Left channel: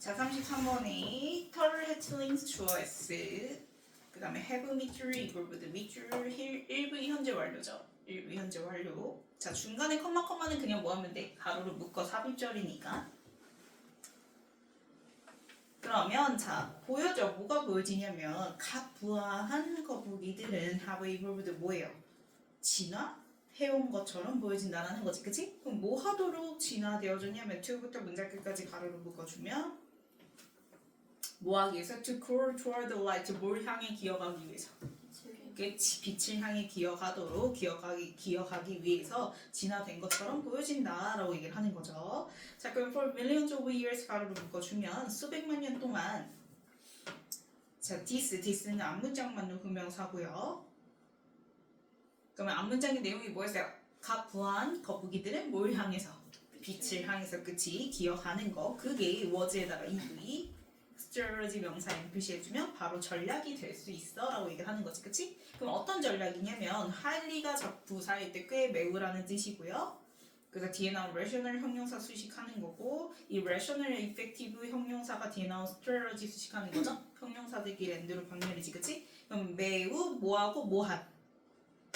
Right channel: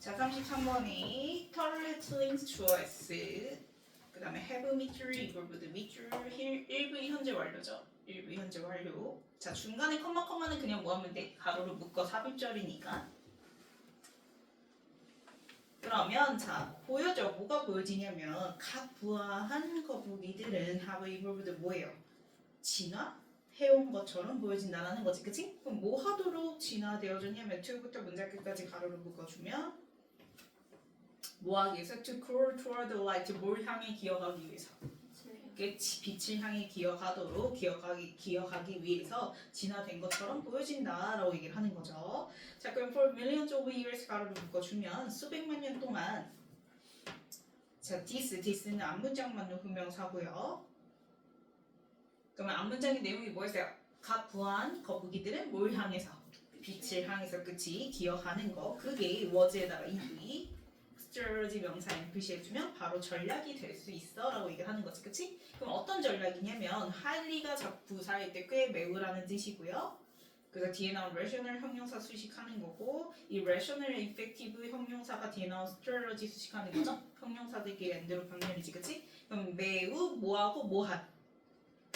자, 33번에 털레틀링스 주어S 그 다음에 have 밑줄 equal 밑줄 1부 현재 완료죠. 1부 현재 완료. 자, 중간에 컴마는 그냥 뭐 하면 돼? 가로로 묶어 삽입절이니까. 그러면 자, 보여줘. 뭐가 보여지냐면 각 부화한 거북이들은 have equal 뭐예요? 진화해온 것처럼 보여진다는 거지. 그치? 그럼 뭐 하도록 진화되어졌냐면 to부터 문장 끝까지 가로로 묶어주면 뭐 하기 위해서? To crawl toward the light. 뭘 향해 기어가기 위해서? 그치, 빛을 향해 기어가기 위해서 진화된 것처럼 보여진다라고 얘기를 하는 거죠. 자, 그럼 for millions of years 가로로 묶어주면 수백만 년 동안 자, this는 앞문장만 후명사고요. 그러면 앞문장의 내용이 뭐였어요? 각 부화한 거북이들은 뭘 향해서? 빛을 향해서, 그치? 기어가는 거. 그게 was에다가 EV strategy 명사에 표시해주면 바로 전략이 될 수 있어 라고 얘기를 하는 거지, 그치? 그럼 어떤 전략이냐면 highly가 부사일 때 꽤 매우라는 뜻이고요. 그래서 뒤에 나온 rational 형용사 수식하는 거고, 이 rational effective 형용사가 뒤에 나온 strategy 수식하는 거죠. 형용사들끼리 엔드로 병렬이지, 그치? 그럼 매우 뭐하고 뭐한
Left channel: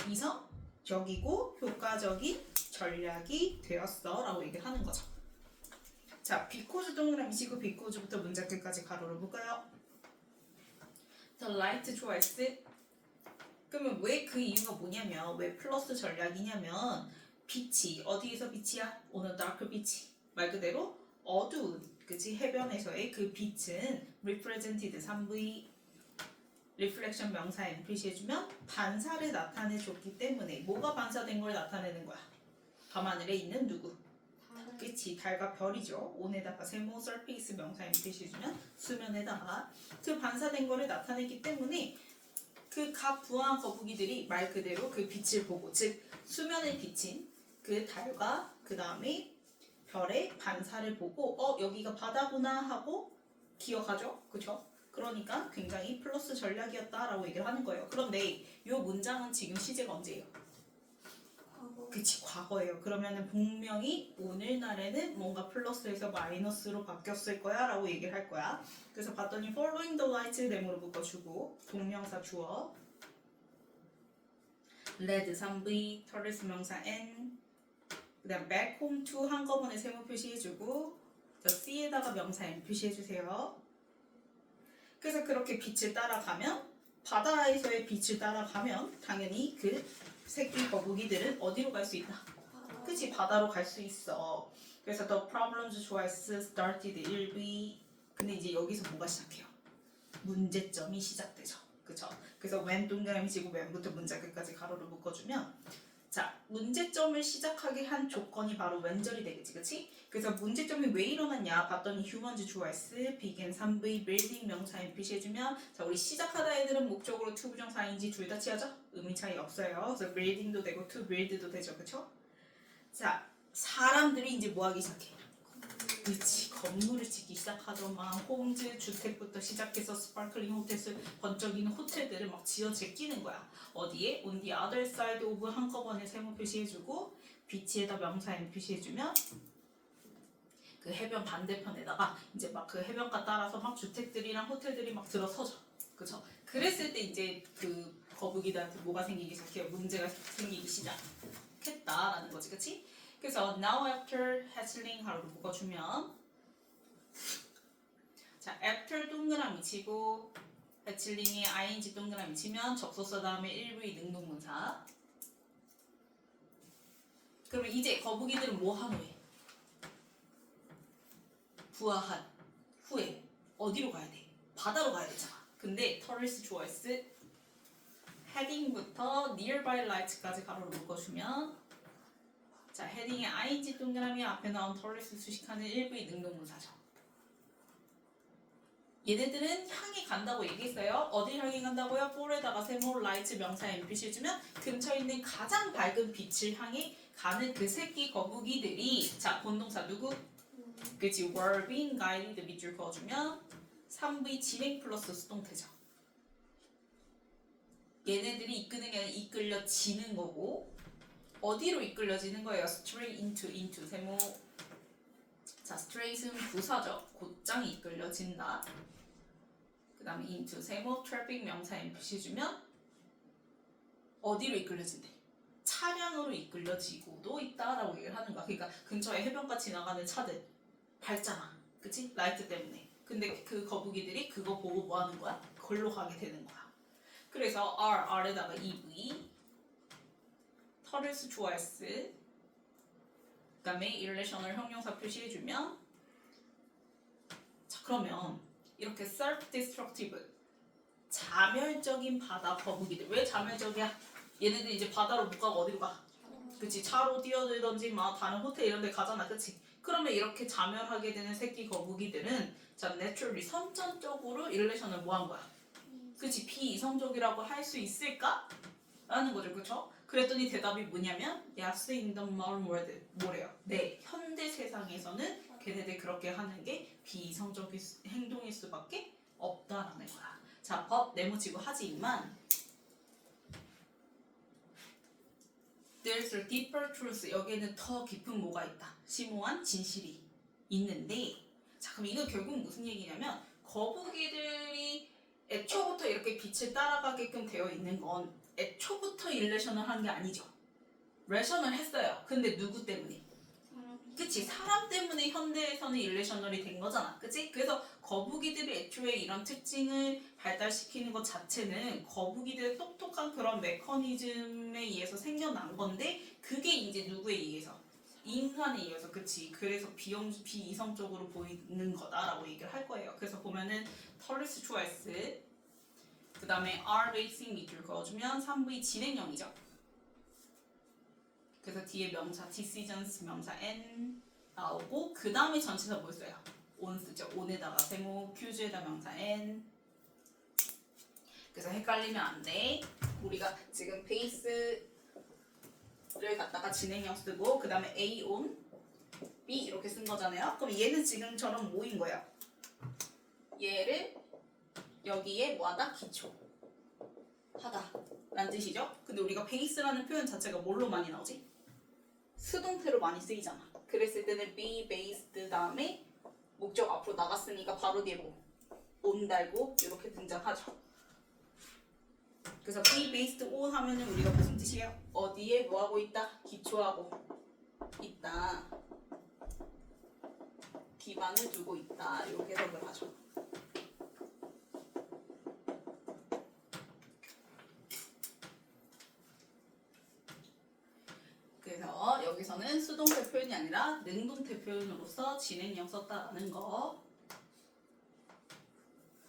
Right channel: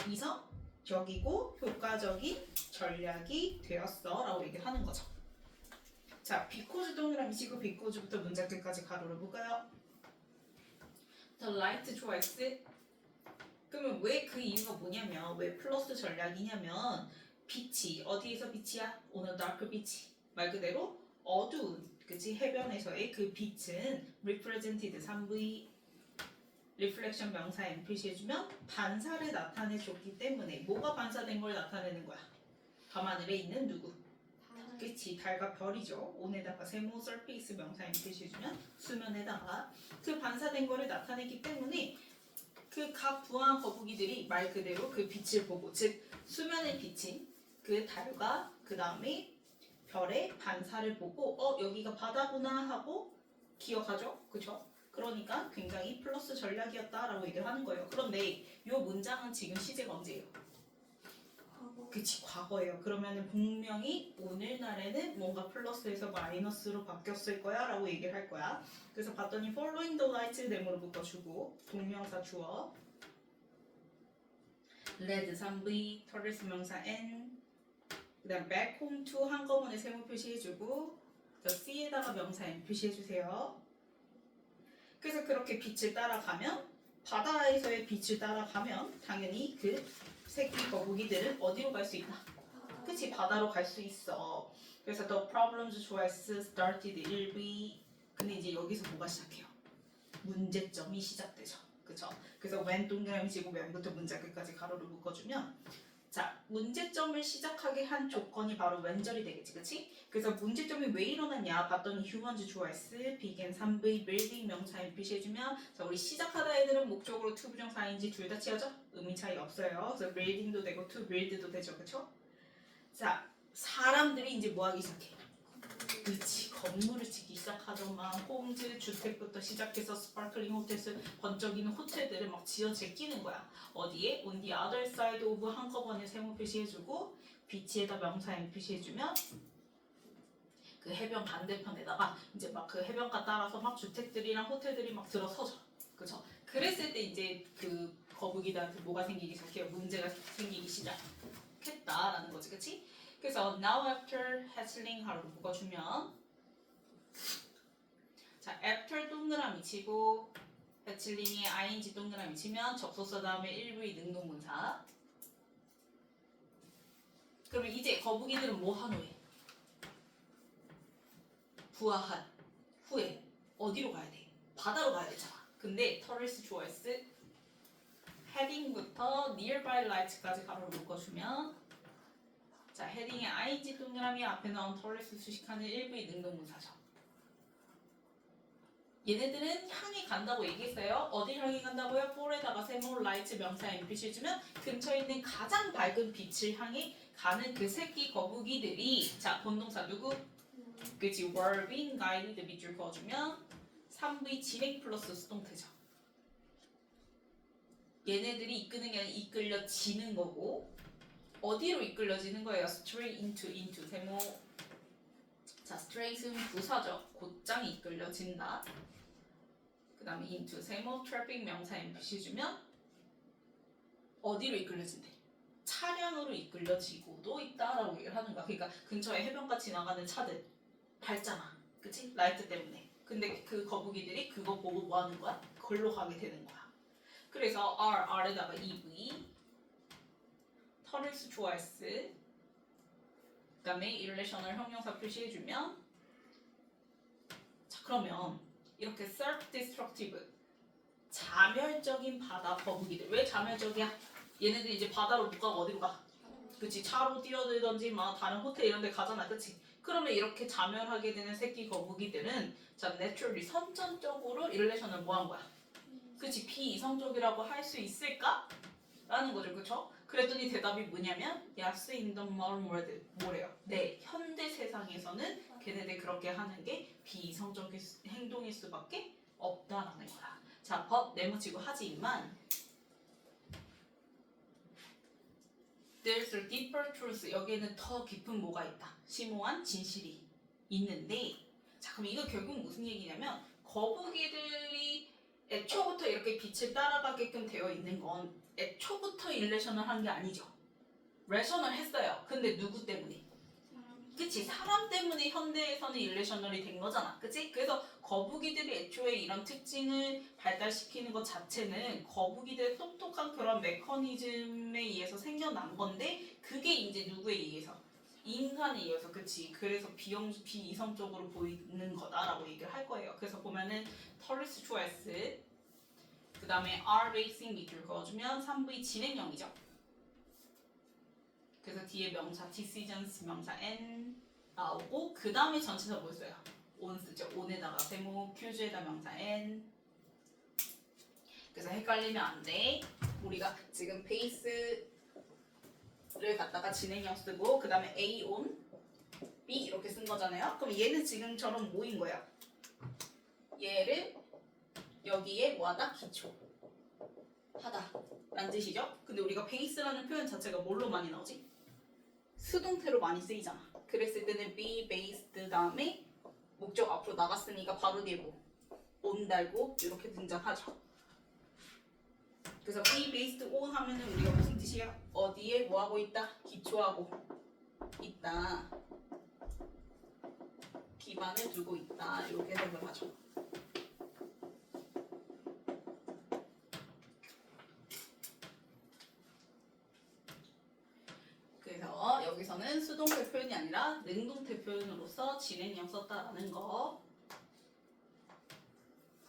이성적이고 효과적인 전략이 되었어 라고 얘기를 하는 거죠. 자, because 동그라미 치고 because부터 문장 끝까지 가로로 묶어요. The light choice. 그러면 왜 그 이유가 뭐냐면 왜 플러스 전략이냐면 빛이 어디에서 빛이야? 오는 dark 빛이 말 그대로 어두운 그치 해변에서의 그 빛은 represented 3V reflection 명사에 표시해주면 반사를 나타내줬기 때문에 뭐가 반사된 걸 나타내는 거야? 밤하늘에 있는 누구? 그치, 달과 별이죠. 온에다가 세모 서페이스 명사에 표시해주면 수면에다가 그 반사된 거를 나타내기 때문에 그 각 부화한 거북이들이 말 그대로 그 빛을 보고, 즉 수면에 비친 그 달과 그 다음에 별의 반사를 보고 여기가 바다구나 하고 기억하죠, 그쵸? 그러니까 굉장히 플러스 전략이었다라고 얘기를 하는 거예요. 그런데 이 문장은 지금 시제가 언제예요? 그치, 과거예요. 그러면은 분명히 오늘날에는 뭔가 플러스에서 마이너스로 바뀌었을 거야 라고 얘기를 할 거야. 그래서 봤더니 following the light 네모로 묶어주고 동명사 주어 led 3V 터르스 명사 N 그 다음 back home to 한꺼번에 세모 표시해주고 저 C에다가 명사 N 표시해주세요. 그래서 그렇게 빛을 따라가면 바다에서의 빛을 따라가면 당연히 그 새끼 거북이들은 어디로 갈 수 있다? 그치, 바다로 갈 수 있어. 그래서 the problems choice started 1V. 근데 이제 여기서 뭐가 시작해요? 문제점이 시작되죠. 그쵸? 그래서 when 동그라미 치고 when부터 문장 끝까지 가로로 묶어주면 자, 문제점을 시작하게 한 조건이 바로 when절이 되겠지, 그치? 그래서 문제점이 왜 일어났냐 봤더니 humans choice, began 3V, building 명사에 표시해주면 자, 우리 시작하다 애들은 목적으로 to 부정사인지 둘 다 취하죠? 의미 차이 없어요. 그래서 building도 되고 to build도 되죠, 그쵸? 자, 사람들이 이제 뭐 하기 시작해? 그치, 건물을 짓기 시작하더만 홈즈 주택부터 시작해서 스파클링 호텔스 번쩍이는 호텔들을 막 지어 제끼는 거야. 어디에? on the other side of 한꺼번에 세모 표시해주고 비치에다 명사인 표시해주면 그 해변 반대편에다가 이제 막 그 해변가 따라서 막 주택들이랑 호텔들이 막 들어서죠. 그쵸? 그랬을 때 이제 그 거북이들한테 뭐가 생기기 시작해요? 문제가 생기기 시작했다라는 거지, 그치? 그래서 now after hatchling 하루 묶어주면 자, after 동그라미 치고 hatchling이 ing 동그라미 치면 접속사 다음에 1V 능동문사. 그러면 이제 거북이들은 뭐 한 후에? 부화한 후에 어디로 가야 돼? 바다로 가야 되잖아. 근데 터리스 조이스 헤딩부터 nearby lights까지 가로로 묶어주면 자, 헤딩에 ing 동그라미 앞에 나온 터리스 수식하는 1V 능동문사죠. 얘네들은 향해 간다고 얘기했어요. 어디 향해 간다고요? for에다가 세모 라이트 명사에 표시해주면 근처에 있는 가장 밝은 빛을 향해 가는 그 새끼 거북이들이 자, 본동사 누구? 그치, were being guided 밑줄 그어주면 3V 진행 플러스 수동태죠. 얘네들이 이끄는 게 아니라 이끌려지는 거고 어디로 이끌려지는 거예요? straight into 세모. 자, straight은 부사죠. 곧장 발장이 이끌려진다. 그 다음에 into 세모 트래픽 명사 N 표시해주면 어디로 이끌려진대? 차량으로 이끌려지고도 있다라고 얘기를 하는 거야. 그러니까 근처에 해변가 지나가는 차들 밝잖아. 그치? 라이트 때문에. 근데 그 거북이들이 그거 보고 뭐 하는 거야? 걸로 가게 되는 거야. 그래서 R에다가 EV 터를스 좋아했스 그 다음에 irrational 형용사 표시해주면 자 그러면 이렇게 self-destructive 자멸적인 바다 거북이들 왜 자멸적이야? 얘네들 이제 바다로 못 가고 어디로 가? 그치 차로 뛰어들던지 막 다른 호텔 이런 데 가잖아 그치? 그러면 이렇게 자멸하게 되는 새끼 거북이들은 자 naturally 선천적으로 irrational 뭐 한 거야? 그치 비이성적이라고 할 수 있을까? 라는 거죠 그쵸? 그랬더니 대답이 뭐냐면 Yes in the modern world 뭐래요? 네 현대 세상에서는 걔네들 그렇게 하는 게 비이성적인 행동일 수밖에 없다라는 거야. 자 but 네모치고 하지만 There's a deeper truth 여기에는 더 깊은 뭐가 있다. 심오한 진실이 있는데 자 그럼 이거 결국 무슨 얘기냐면 거북이들이 애초부터 이렇게 빛을 따라가게끔 되어 있는 건 애초부터 일레셔널 한 게 아니죠. 레셔널 했어요. 근데 누구 때문에? 그치 사람 때문에 현대에서는 일레셔널이 된 거잖아. 그치? 그래서 거북이들이 애초에 이런 특징을 발달시키는 것 자체는 거북이들의 똑똑한 그런 메커니즘에 의해서 생겨난 건데 그게 이제 누구에 의해서? 인간에 의해서 그치 그래서 비이성적으로 보이는 거다라고 얘기를 할 거예요. 그래서 보면은 터리스 초이스 그 다음에 R 베이싱 밑줄 그어주면 3V 진행형이죠. 그래서 뒤에 명사 decisions 명사 N 나오고 그 다음에 전체가 뭐였어요? on 쓰죠. on에다가 세모 Q에다 명사 N 그래서 헷갈리면 안 돼. 우리가 지금 베이스를 갖다가 진행형 쓰고 그 다음에 A on B 이렇게 쓴 거잖아요. 그럼 얘는 지금처럼 뭐인 거야? 얘를 여기에 뭐하다? 기초하다 라는 뜻이죠. 근데 우리가 베이스라는 표현 자체가 뭘로 많이 나오지? 수동태로 많이 쓰이잖아. 그랬을 때는 be based 다음에 목적 앞으로 나갔으니까 바로 뒤에 뭐 on 달고 이렇게 등장하죠. 그래서 be based on 하면은 우리가 무슨 뜻이야? 어디에 뭐 하고 있다? 기초하고 있다. 기반을 두고 있다. 이렇게 해석을 하죠. 그래서 여기서는 수동태 표현이 아니라 능동태 표현으로서 진행형 썼다라는 거.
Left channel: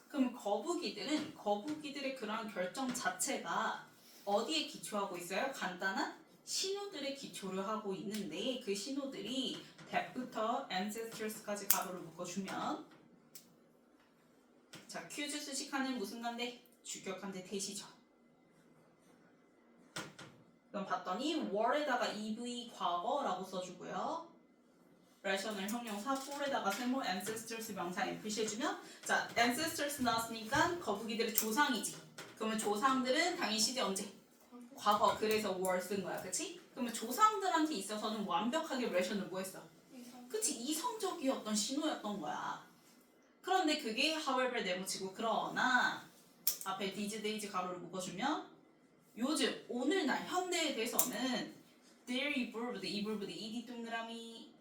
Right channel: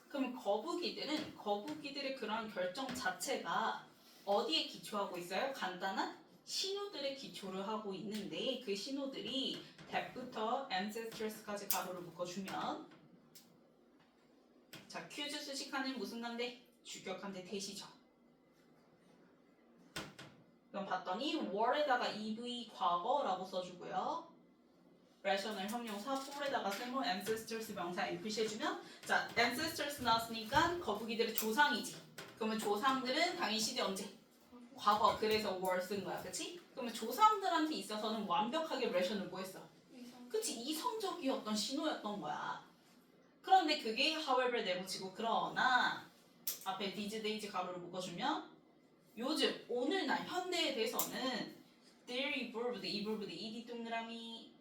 그럼 거북이들의 그런 결정 자체가 어디에 기초하고 있어요? 간단한 신호들의 기초를 하고 있는데 그 신호들이 that부터 ancestors까지 가로를 묶어주면 자 퀴즈 수식하는 무슨 난데? 주격한데 대시죠. 그럼 봤더니 were에다가 EV 과거라고 써주고요. rational 형용사 for에다가 세모 ancestors 명사 N 표시해주면 자 ancestors 나왔으니까 거북이들의 조상이지. 그러면 조상들은 당연히 시대 언제? 과거. 그래서 were 쓴 거야. 그치? 그러면 조상들한테 있어서는 완벽하게 rational 뭐 했어? 그치? 이성적이었던 신호였던 거야. 그런데 그게 however 네모치고 그러나 앞에 these days 가로를 묶어주면 요즘 오늘날 현대에 대해서는 they're evolved ed 동그라미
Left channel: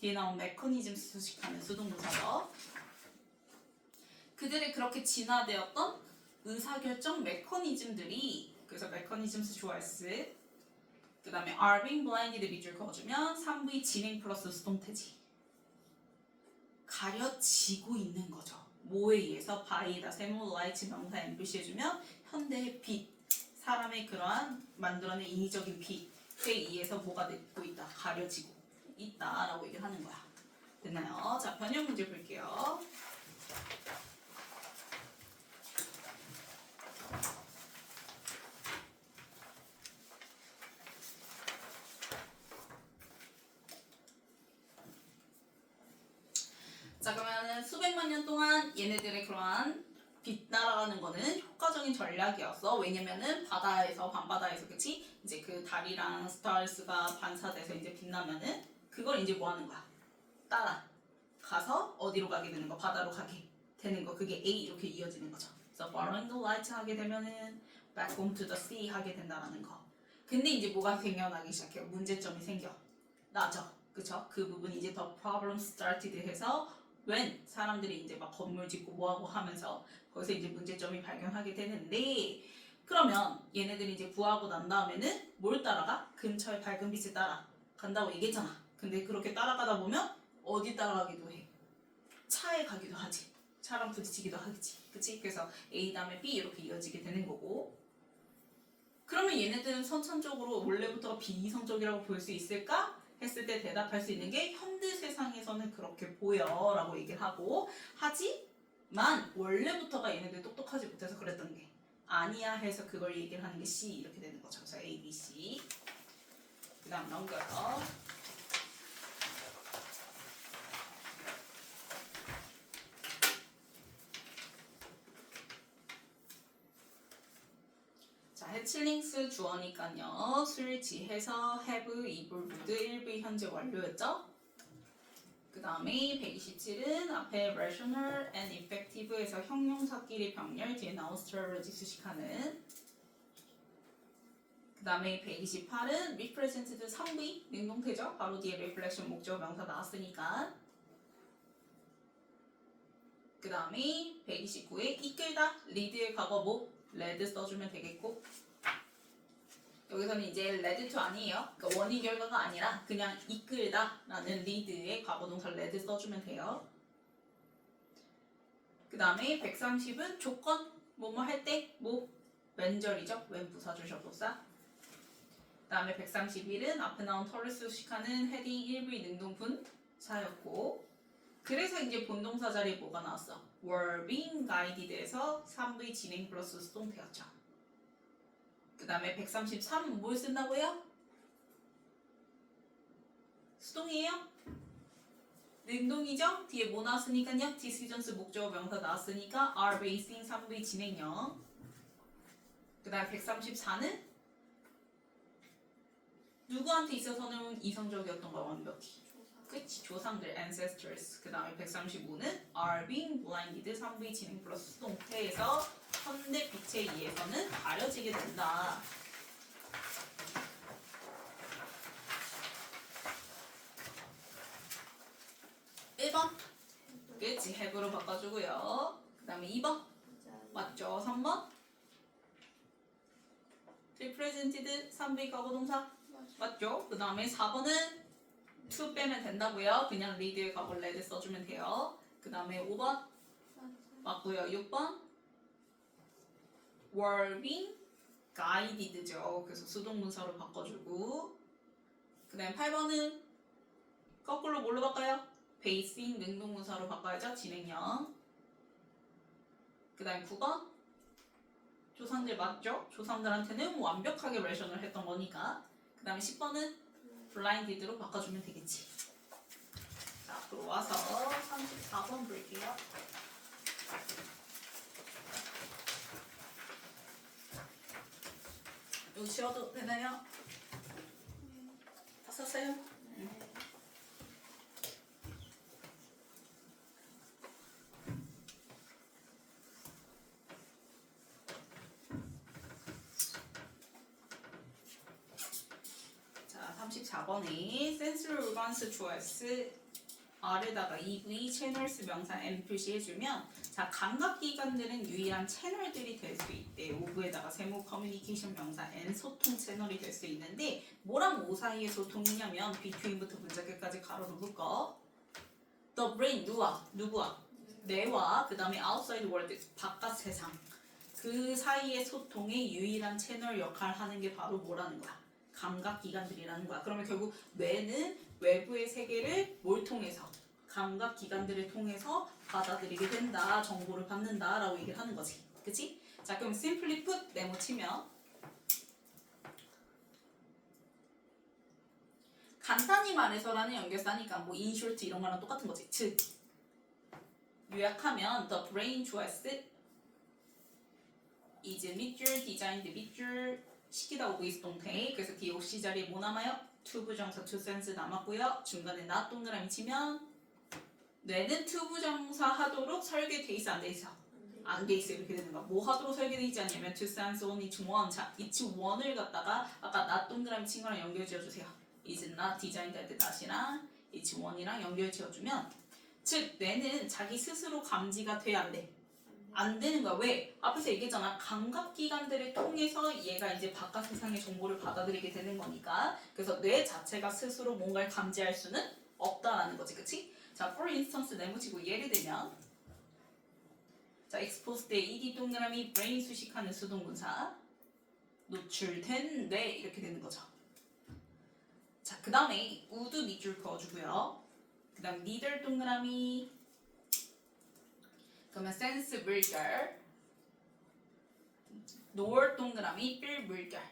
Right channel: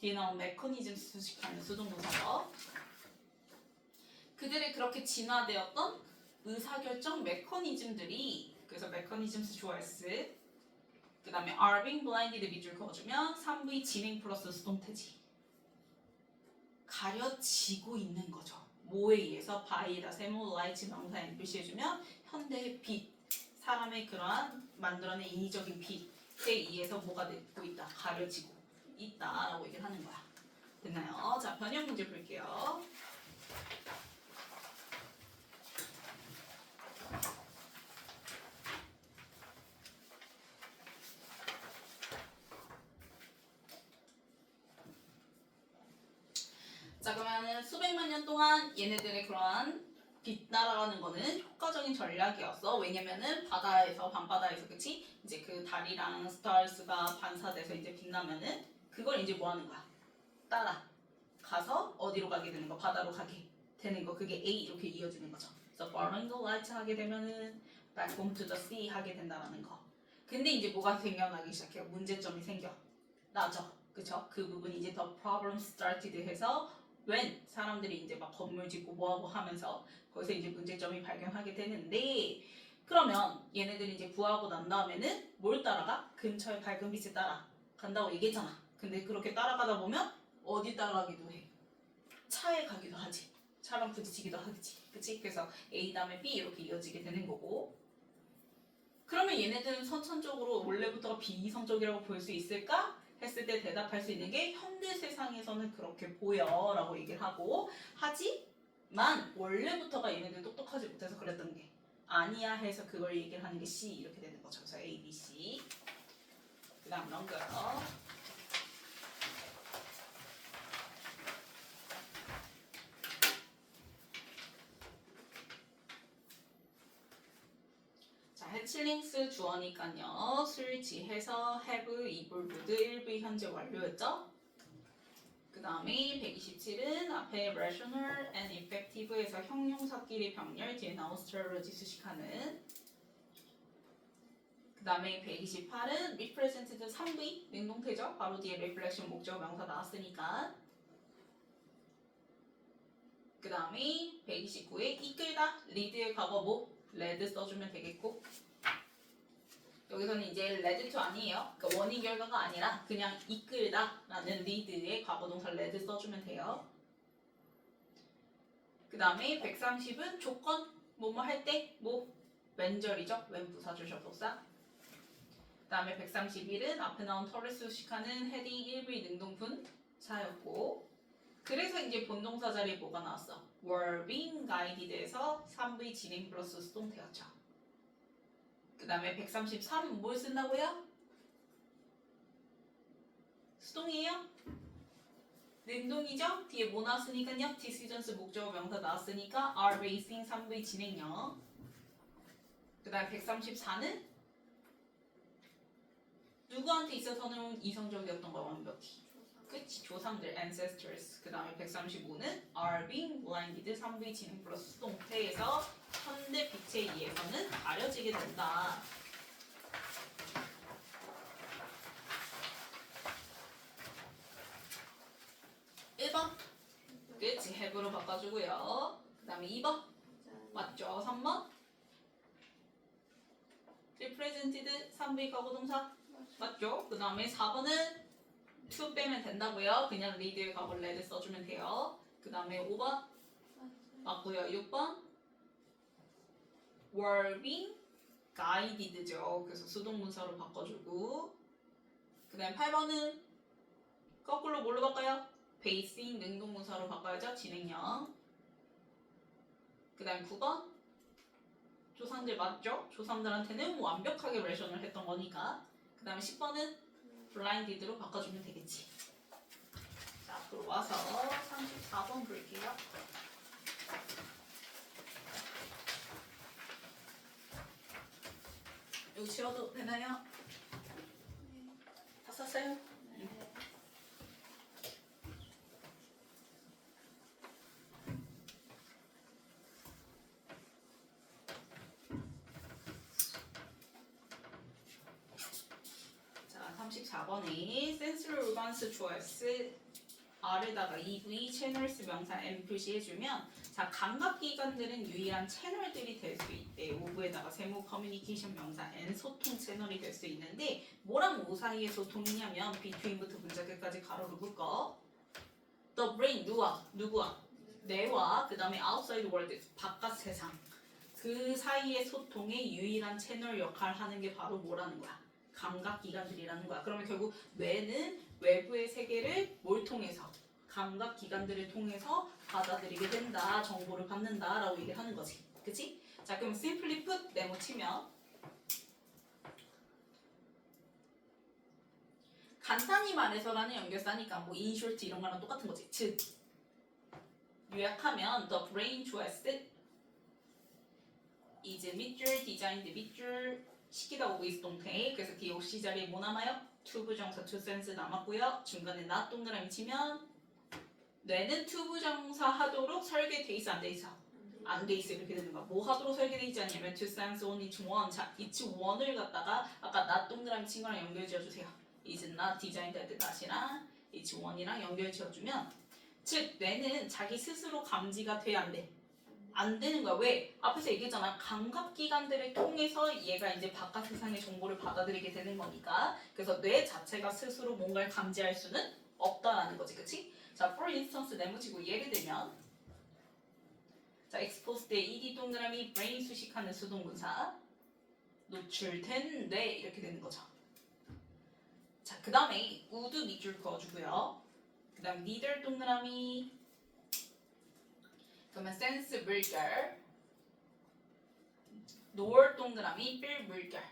뒤에 나온 메커니즘 수식하는 수동동사죠. 그들의 그렇게 진화되었던 의사결정 메커니즘들이 그래서 메커니즘스 좋아했을 그 다음에 are being blinded 밑줄 그어주면 3V 진행 플러스 수동태지. 가려지고 있는 거죠. 뭐에 의해서? by에다 세모 light 명사 N 표시해주면 현대의 빛, 사람의 그러한 만들어낸 인위적인 빛에 의해서 뭐가 되고 있다? 가려지고 있다라고 얘기를 하는 거야. 됐나요? 자, 변형 문제 볼게요. 자, 그러면은 수백만 년 동안 얘네들의 그러한 빛 날아가는 거는 효과적인 전략이었어. 왜냐면은 바다에서 밤바다에서 그치? 이제 그 달이랑 스타일스가 반사돼서 이제 빛나면은 그걸 이제 뭐 하는 거야? 따라가는 가서 어디로 가게 되는 거? 바다로 가게 되는 거. 그게 A 이렇게 이어지는 거죠. 그래서 following the light 하게 되면은 back home to the sea 하게 된다라는 거. 근데 이제 뭐가 생겨나기 시작해요. 문제점이 생겨나죠. 그쵸? 그 부분이 이제 the problem started 해서 when 사람들이 이제 막 건물 짓고 뭐하고 하면서 거기서 이제 문제점이 발견하게 되는데 그러면 얘네들이 이제 구하고 난 다음에는 뭘 따라가? 근처의 밝은 빛을 따라간다고 얘기했잖아. 근데 그렇게 따라가다 보면 어디 따라가기도 해? 차에 가기도 하지. 차랑 부딪히기도 하겠지. 그치? 그래서 A 다음에 B 이렇게 이어지게 되는 거고 그러면 얘네들은 선천적으로 원래부터가 비이성적이라고 볼 수 있을까? 했을 때 대답할 수 있는 게 현대 세상에서는 그렇게 보여 라고 얘기를 하고 하지만 원래부터가 얘네들 똑똑하지 못해서 그랬던 게 아니야 해서 그걸 얘기를 하는 게 C 이렇게 되는 거죠. 그래서 A, B, C 그 다음 넘겨요. 자, 해칠링스 주어니까요. 술 지해서 have, 이불, 모드 1부 현재 완료였죠? 그 다음에 127은 앞에 rational and effective에서 형용사끼리 병렬 뒤에 나온 strategy 수식하는 그 다음에 128은 represented 3부 능동태죠? 바로 뒤에 reflection 목적 명사 나왔으니까 그 다음에 129에 이끌다 lead의 과거 뭐? led 써주면 되겠고 여기서는 이제 led to 아니에요. 그러니까 원인 결과가 아니라 그냥 이끌다 라는 lead의 과거동사 led 써주면 돼요. 그 다음에 130은 조건 뭐뭐 할 때 뭐 왼절이죠. 왼 부사절 접속사. 그 다음에 131은 앞에 나온 털을 수식하는 헤딩 1V 능동분사였고 그래서 이제 본동사 자리에 뭐가 나왔어? were being guided에서 3V 진행 플러스 수동태였죠. 그 다음에 133은 뭘 쓴다고요? 수동이에요? 능동이죠? 뒤에 뭐 나왔으니까요? decisions 목적어 명사 나왔으니까 are basing 3V 진행형 그 다음에 134는 누구한테 있어서는 이성적이었던 거야 완벽히 그치 조상들 ancestors 그 다음에 135는 are being blinded 3V 진행 플러스 수동태에서 현대 빛에 의해서는 가려지게 된다. 그치 have로 바꿔주고요. 그 다음에 2번 맞죠? 3번 represented 3V 과거동사 맞죠? 그 다음에 4번은 to 빼면 된다고요. 그냥 lead의 과거 led 써주면 돼요. 그 다음에 5번 맞고요. 6번 were being guided죠. 그래서 수동문사로 바꿔주고 그 다음에 8번은 거꾸로 뭘로 바꿔요? basing 능동문사로 바꿔야죠. 진행형 그 다음 9번 조상들 맞죠? 조상들한테는 완벽하게 레션을 했던 거니까 그 다음에 10번은 blinded로 바꿔주면 되겠지. 자, 앞으로 와서 34번 볼게요. 이거 지워도 되나요? 다 썼어요? 자, 34번에 sensory organs choice R에다가 EV 채널스 명사 M 표시해주면 자 감각기관들은 유일한 채널들이 될 수 있대. 오브에다가 세모 커뮤니케이션 명사 N 소통 채널이 될 수 있는데 뭐랑 뭐 사이의 소통이냐면 between부터 문자끝까지 가로로 묶어. The brain 누구와? 뇌와 그 다음에 outside world 바깥 세상 그 사이의 소통의 유일한 채널 역할을 하는 게 바로 뭐라는 거야? 감각기관들이라는 거야. 그러면 결국 뇌는 외부의 세계를 뭘 통해서? 감각기관들을 통해서 받아들이게 된다. 정보를 받는다. 라고 얘기를 하는 거지. 그치? 자 그럼 simply put 네모 치면 간단히 말해서라는 연결사니까 뭐 in short 이런 거랑 똑같은 거지. 즉 요약하면 the brain choice is 밑줄 designed 밑줄 시키다 오브 있 동태 그래서 뒤에 옥시 자리에 뭐 남아요? to 부정사 to sense 남았고요. 중간에 not 동그라미 치면 뇌는 투부정사 하도록 설계돼 있어 안 돼 있어? 안 돼 있어. 이렇게 되는 거야. 뭐 하도록 설계돼 있지 않냐면 to sense on each one. 자, each one을 갖다가 아까 not 동그라미 친 거랑 연결 지어주세요. is not designed at not이랑 each one이랑 연결 지어주면 즉 뇌는 자기 스스로 감지가 돼 안 돼? 안 되는 거야. 왜? 앞에서 얘기했잖아. 감각기관들을 통해서 얘가 이제 바깥 세상의 정보를 받아들이게 되는 거니까. 그래서 뇌 자체가 스스로 뭔가를 감지할 수는 없다라는 거지. 그치? 자, for instance 네모치고 예를 들면 자, expose 때 ed 동그라미 brain 수식하는 수동분사 노출된 뇌 이렇게 되는 거죠. 자, 그 다음에 would 밑줄 그어주고요. 그 다음 neither 동그라미 그러면 sense 물결 nor 동그라미 필 물결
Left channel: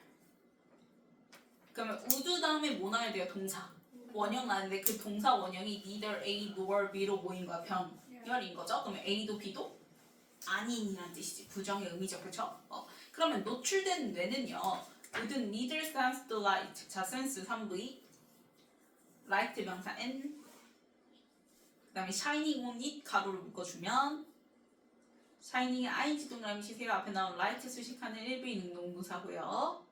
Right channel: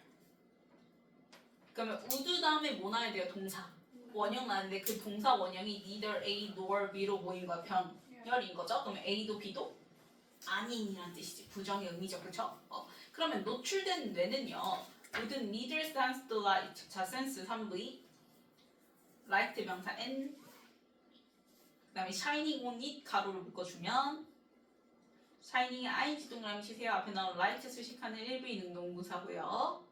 그러면 would 다음에 뭐 나와야 돼요? 동사 원형 나는데 그 동사 원형이 neither A nor B로 모인 거야. 병렬인 거죠. 그러면 A도 B도 아닌이란 뜻이지. 부정의 의미죠. 그렇죠? 그러면 노출된 뇌는요. would neither sense the light. 자, sense 3V light 명사 N 그 다음에 shining on it 가로를 묶어주면 shining ing 동그라미 치세요. 앞에 나온 light 수식하는 1비 능동부사고요.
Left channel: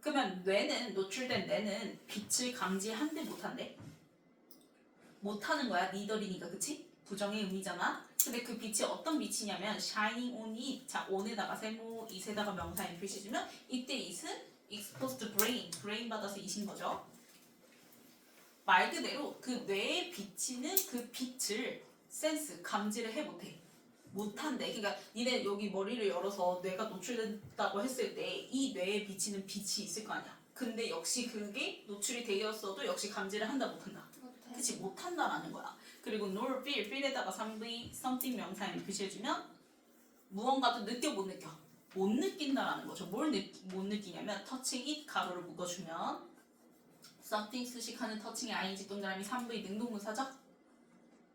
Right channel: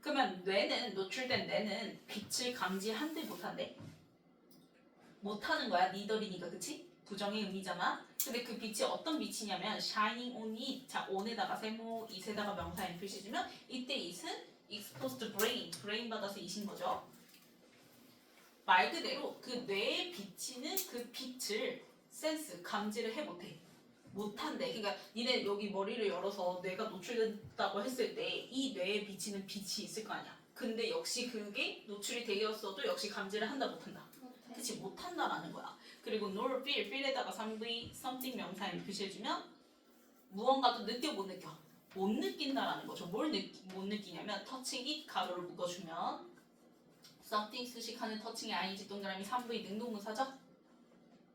그러면 뇌는 노출된 뇌는 빛을 감지한대 못한대? 못하는 거야. 니덜이니까 그치? 부정의 의미잖아. 근데 그 빛이 어떤 빛이냐면 shining on it. 자, on에다가 세모, it에다가 명사 n 표시 주면 이때 it은 exposed to brain 받아서 it인 거죠. 말 그대로 그 뇌에 비치는 그 빛을 센스, 감지를 해 못해. 못한대. 그러니까 니네 여기 머리를 열어서 뇌가 노출된다고 했을 때 이 뇌에 비치는 빛이 있을 거 아니야. 근데 역시 그게 노출이 되었어도 역시 감지를 한다 못한다. 그치? 못한다라는 거야. 그리고 nor feel, feel에다가 3V something 명사에 표시해주면 무언가도 느껴 못 느껴? 못 느낀다라는 거죠. 뭘 못 느끼냐면 touching it 가로를 묶어주면 something 수식하는 touching의 ing 동그라미 3V 능동문사죠?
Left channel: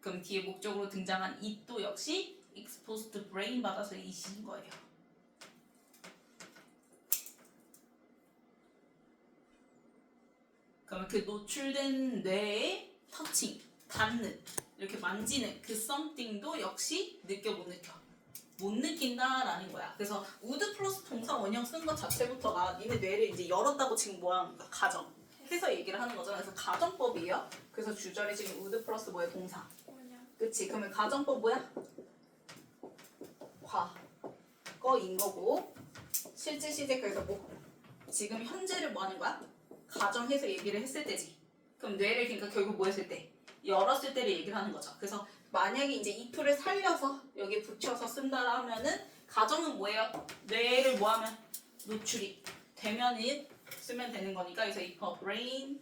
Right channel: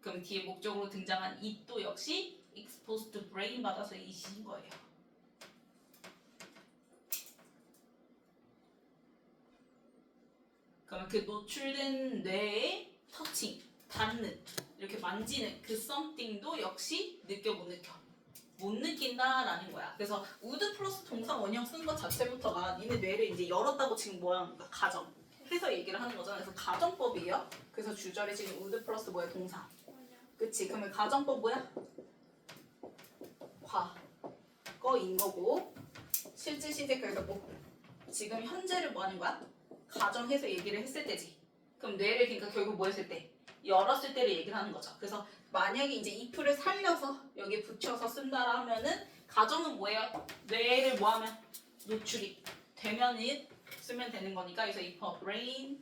그럼 뒤에 목적으로 등장한 it도 역시 exposed to brain 받아서 it인 거예요. 그러면 그 노출된 뇌의 터칭, 닿는, 이렇게 만지는 그 something도 역시 느껴 못 느껴? 못 느낀다라는 거야. 그래서 would 플러스 동사 원형 쓴 것 자체부터가 니네 뇌를 이제 열었다고 지금 뭐야? 가정 해서 얘기를 하는 거잖아. 그래서 가정법이에요. 그래서 주절에 지금 would 플러스 뭐야? 동사. 그치? 그러면 가정법 뭐야? 과거인 거고 실제 시제 그래서 뭐 지금 현재를 뭐 하는 거야? 가정해서 얘기를 했을 때지. 그럼 뇌를 그러니까 결국 뭐 했을 때? 열었을 때를 얘기를 하는 거죠. 그래서 만약에 이제 if를 살려서 여기 붙여서 쓴다 하면은 가정은 뭐예요? 뇌를 뭐 하면? 노출이 되면 it 쓰면 되는 거니까 그래서 if a brain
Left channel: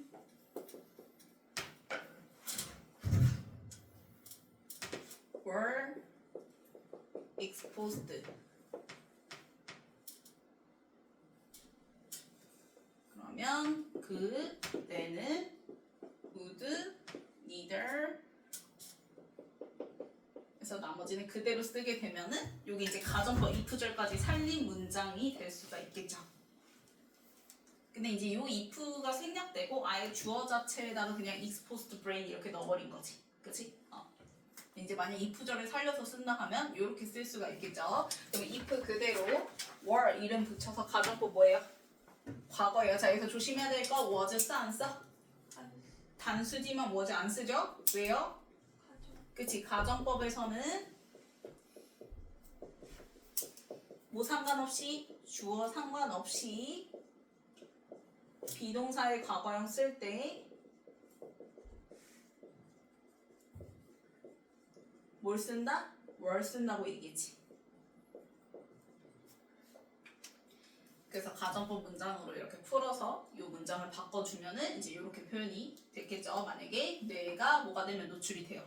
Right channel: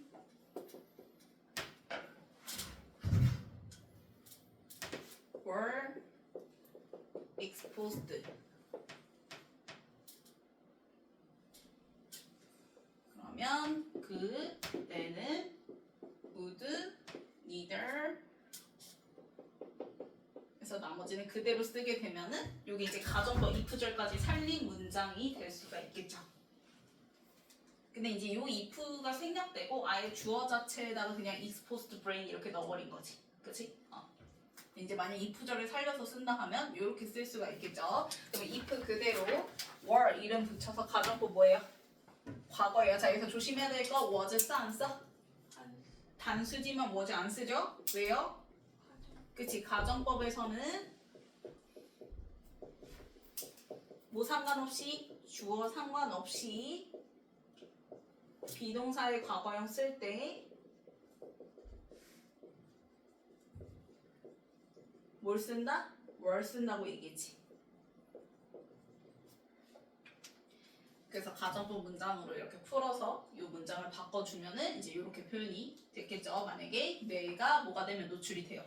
were exposed 그러면 그 뇌는 would neither 그래서 나머지는 그대로 쓰게 되면은 여기 이제 가정법 if절까지 살린 문장이 될 수가 있겠죠. 근데 이제 이 if가 생략되고 아예 주어 자체에다가 그냥 exposed brain 이렇게 넣어버린 거지. 그치? 이제 만약 if절을 살려서 쓴다 하면 이렇게 쓸 수가 있겠죠. 그럼 if 그대로 were 이름 붙여서 가정법 뭐예요? 과거예요. 자, 여기서 조심해야 될 거 was 써 안 써? 단수지만 was 안 쓰죠? 왜요? 그치? 가정법에서는 뭐 상관없이 주어 상관없이 비동사의 과거형 쓸 때 뭘 쓴다? were 쓴다고 얘기했지. 그래서 가정법 문장으로 이렇게 풀어서 이 문장을 바꿔주면은 이제 이렇게 표현이 됐겠죠. 만약에 뇌가 뭐가 되면 노출이 돼요.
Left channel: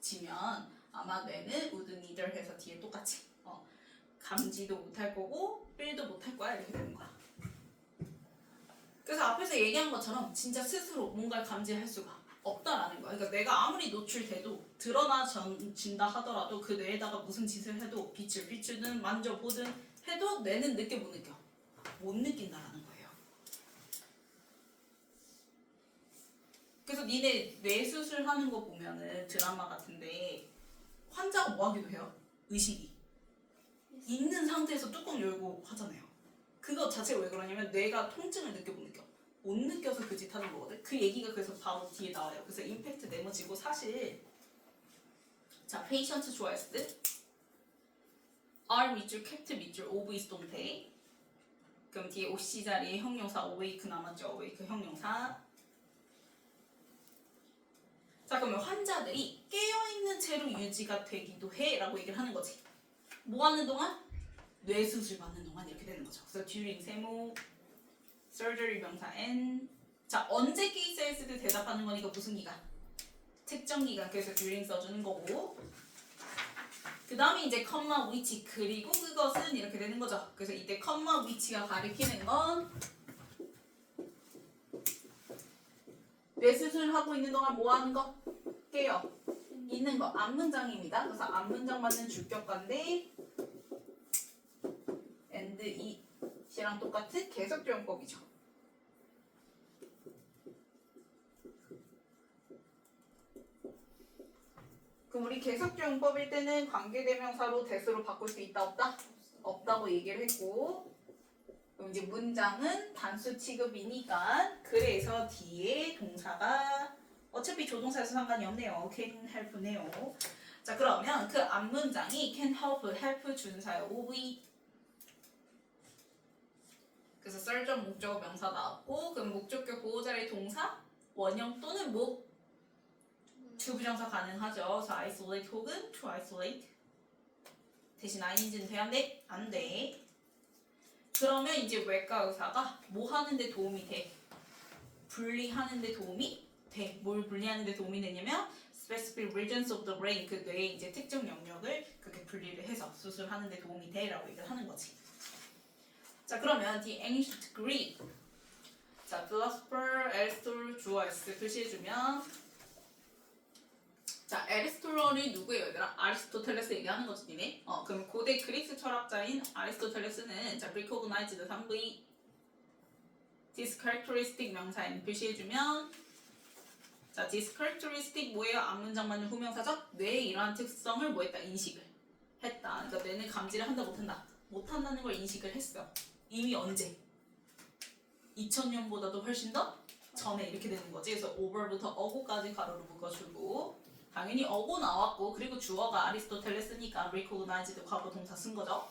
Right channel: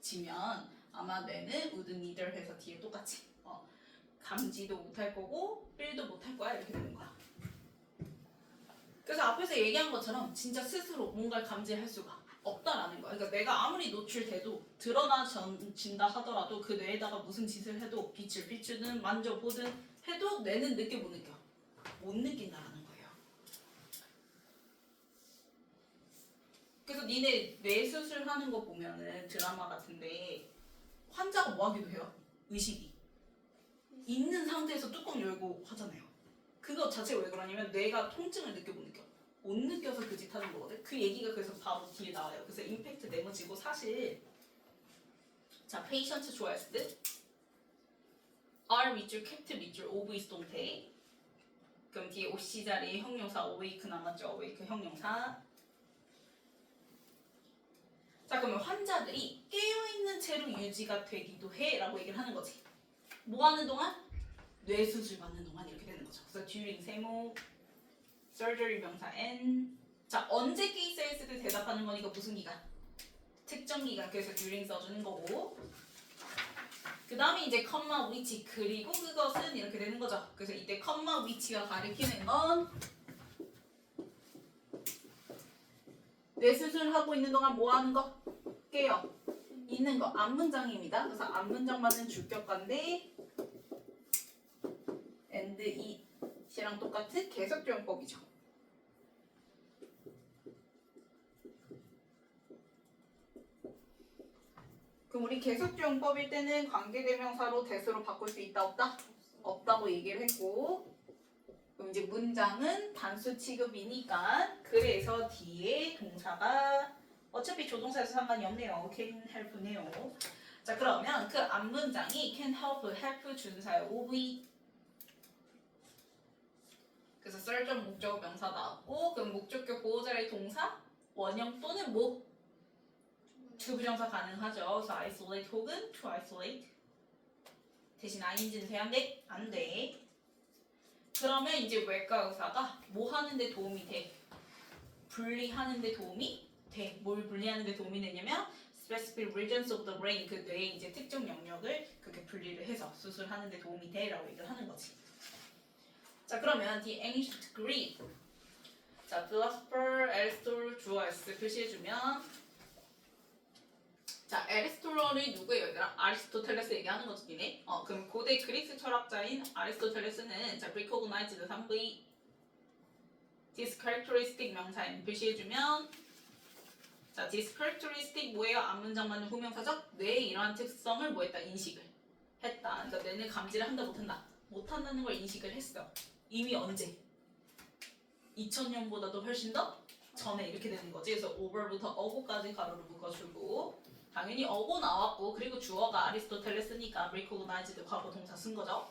지면 아마 뇌는 would neither 해서 뒤에 똑같이 감지도 못할 거고 필도 못할 거야 이렇게 되는 거야. 그래서 앞에서 얘기한 것처럼 진짜 스스로 뭔가를 감지할 수가 없다라는 거야. 그러니까 내가 아무리 노출돼도 드러나진다 하더라도 그 뇌에다가 무슨 짓을 해도 빛을 비추든 만져보든 해도 뇌는 느껴 못 느껴? 못 느낀다라는 거예요. 그래서 니네 뇌 수술하는 거 보면은 드라마 같은데 환자가 뭐 하기도 해요? 의식이 있는 상태에서 뚜껑 열고 하잖아요. 그거 자체가 왜 그러냐면 뇌가 통증을 느껴 못 느껴서 그 짓 하는 거거든. 그 얘기가 그래서 바로 뒤에 나와요. 그래서 임팩트 네모지고 사실 자 페이션트 좋아했을 때 R 밑줄 캡트 밑줄 오브 is 동태 그럼 뒤에 OC 자리에 형용사 awake 남았죠. awake 형용사. 자 그러면 환자들이 깨어있는 채로 유지가 되기도 해 라고 얘기를 하는 거지. 뭐 하는 동안? 뇌수술 받는 동안 이렇게 되는 거죠. 그래서 during 세모 surgery 명사 n 자 언제 케이스 했을 때 대답하는 거니까 무슨 기간? 특정 기간. 그래서 during 써주는 거고 그 다음에 이제 컴마 위치 그리고 그것은 이렇게 되는 거죠. 그래서 이때 컴마 위치가 가리키는 건 뇌수술 하고 있는 동안 뭐 하는 거? 깨어 있는 거. 앞문장입니다. 그래서 앞문장 맞는 주격관데 and it이랑 똑같은 계속조용법이죠. 그럼 우리 계속조용법일 때는 관계대명사로 대수로 바꿀 수 있다 없다? 없다고 얘기를 했고 그럼 이제 문장은 단수 취급이니까 그래서 뒤에 동사가 어차피 조동사에서 상관이 없네요. can help네요. 자 그러면 그 앞문장이 can help 준사의 OV 그래서 썰전 목적 명사 나왔고 그럼 목적격 보호자의 동사 원형 또는 뭐 주부정사 가능하죠. 그래서 isolate 혹은 to isolate 대신 ing는 돼야 안 돼? 안 돼. 그러면 이제 외과 의사가 뭐 하는데 도움이 돼? 분리하는데 도움이 돼. 뭘 분리하는데 도움이 되냐면 specific regions of the brain 그 뇌의 이제 특정 영역을 그렇게 분리를 해서 수술하는데 도움이 돼라고 얘기를 하는 거지. 자 그러면 the ancient Greek 자 philosopher Aristotle 주어 S 표시해주면 자 에리스토텔이 누구예요 얘들아? 아리스토텔레스 얘기하는 거지 니네. 그럼 고대 그리스 철학자인 아리스토텔레스는 자 recognized 3V this characteristic 명사인 표시해주면 자 this characteristic 뭐예요? 앞문장 맞는 후명사죠? 뇌의 이러한 특성을 뭐 했다? 인식을 했다. 그러니까 뇌는 감지를 한다 못한다? 못한다는 걸 인식을 했어. 이미 언제? 2000년보다도 훨씬 더 전에 이렇게 되는 거지. 그래서 over부터 어고까지 가로로 묶어주고 당연히 어고 나왔고 그리고 주어가 아리스토텔레스니까 recognized 과거 동사 쓴 거죠.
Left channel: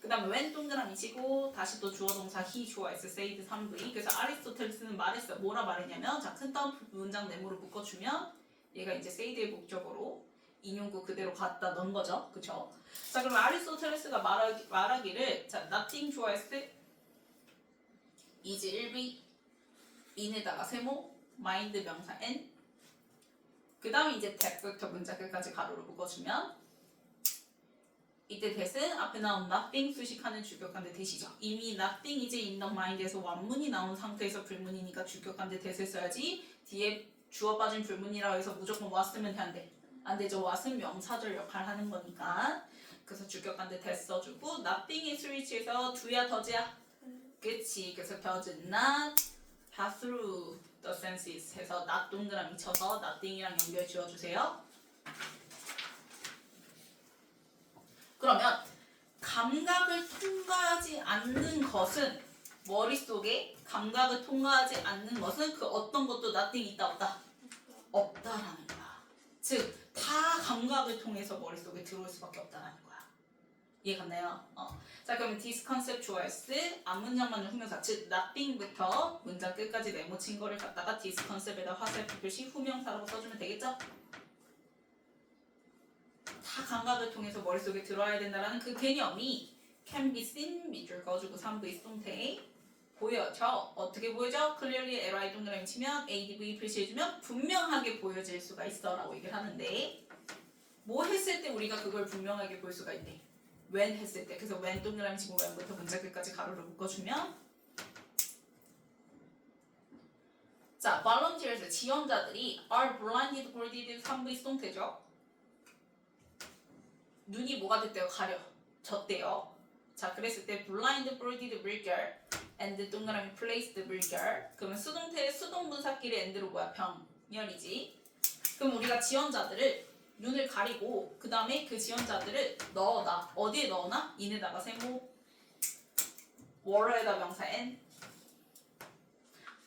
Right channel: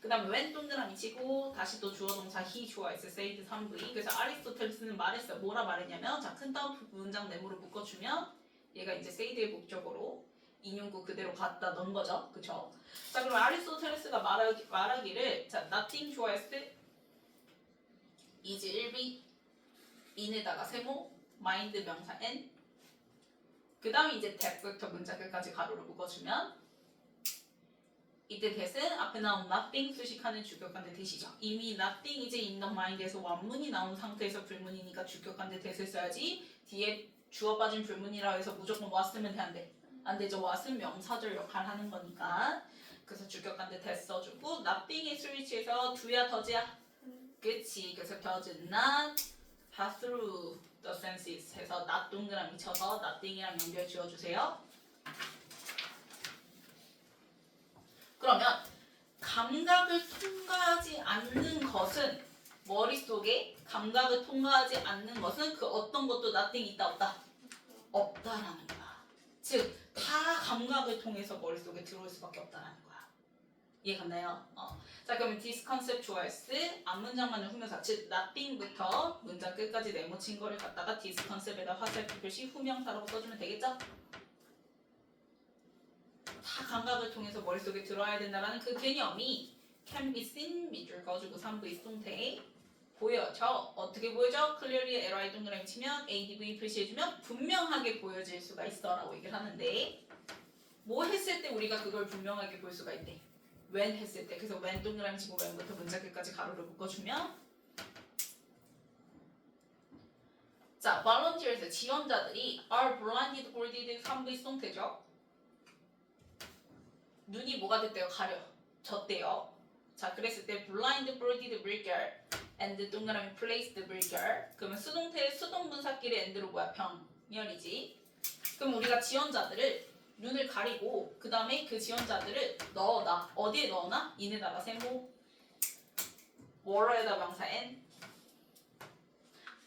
그 다음에 when 동그라미 치고 다시 또 주어 동사 he 주어 s said 3V 그래서 아리스토텔레스는 말했어요. 뭐라 말했냐면 자 큰 따옴표 문장 네모로 묶어주면 얘가 이제 said의 목적으로 인용구 그대로 갖다 넣은 거죠. 그쵸? 자 그럼 아리스토텔레스가 말하기를 자 nothing 주어 s is 1B in에다가 세모 mind 명사 n 그 다음에 이제 that부터 문장 끝까지 가로로 묶어주면 이때 that은 앞에 나온 nothing 수식하는 주격한데 that이죠. 이미 nothing 이제 in the mind에서 완문이 나온 상태에서 불문이니까 주격한데 that을 써야지 뒤에 주어 빠진 불문이라 해서 무조건 was 쓰면 돼? 안 돼? 안 되죠. was은 명사절 역할 하는 거니까 그래서 주격한데 that 써주고 nothing의 스위치에서 do야 더지야? 그치. 그래서 does not pass through the senses 해서 not 동그라미 쳐서 nothing이랑 연결 지어주세요. 그러면 감각을 통과하지 않는 것은 머릿속에 감각을 통과하지 않는 것은 그 어떤 것도 nothing 있다 없다? 없다라는 거야. 즉 다 감각을 통해서 머릿속에 들어올 수밖에 없다라는 거야. 이해갔나요? 자 그러면 this concept 주어 S 앞문장만은 후명사 즉 nothing부터 문장 끝까지 네모친 거를 갖다가 this concept에다 화살표 표시 후명사라고 써주면 되겠죠? 다 감각을 통해서 머릿속에 들어와야 된다는 그 개념이 can be seen 밑줄 그어주고 3V 동태 보여져. 어떻게 보여져? clearly LI 동그라미 치면 ADV 표시해주면 분명하게 보여질 수가 있어 라고 얘기를 하는데 뭐 했을 때 우리가 그걸 분명하게 볼 수가 있대? when 했을 때. 그래서 when 동그라미 치고 when부터 문장 끝까지 가로를 묶어주면 자 volunteers 지원자들이 are blinded boarded 3V 동태죠. 눈이 뭐가 됐대요? 가려졌대요. 자 그랬을 때 blind boarded burger and 동그라미 placed burger 그러면 수동태의 수동분사끼리 and로 뭐야? 병 병렬이지. 그럼 우리가 지원자들을 눈을 가리고 그 다음에 그 지원자들을 넣어놔. 어디에 넣어놔? 인에다가 세모 월어에다 명사 n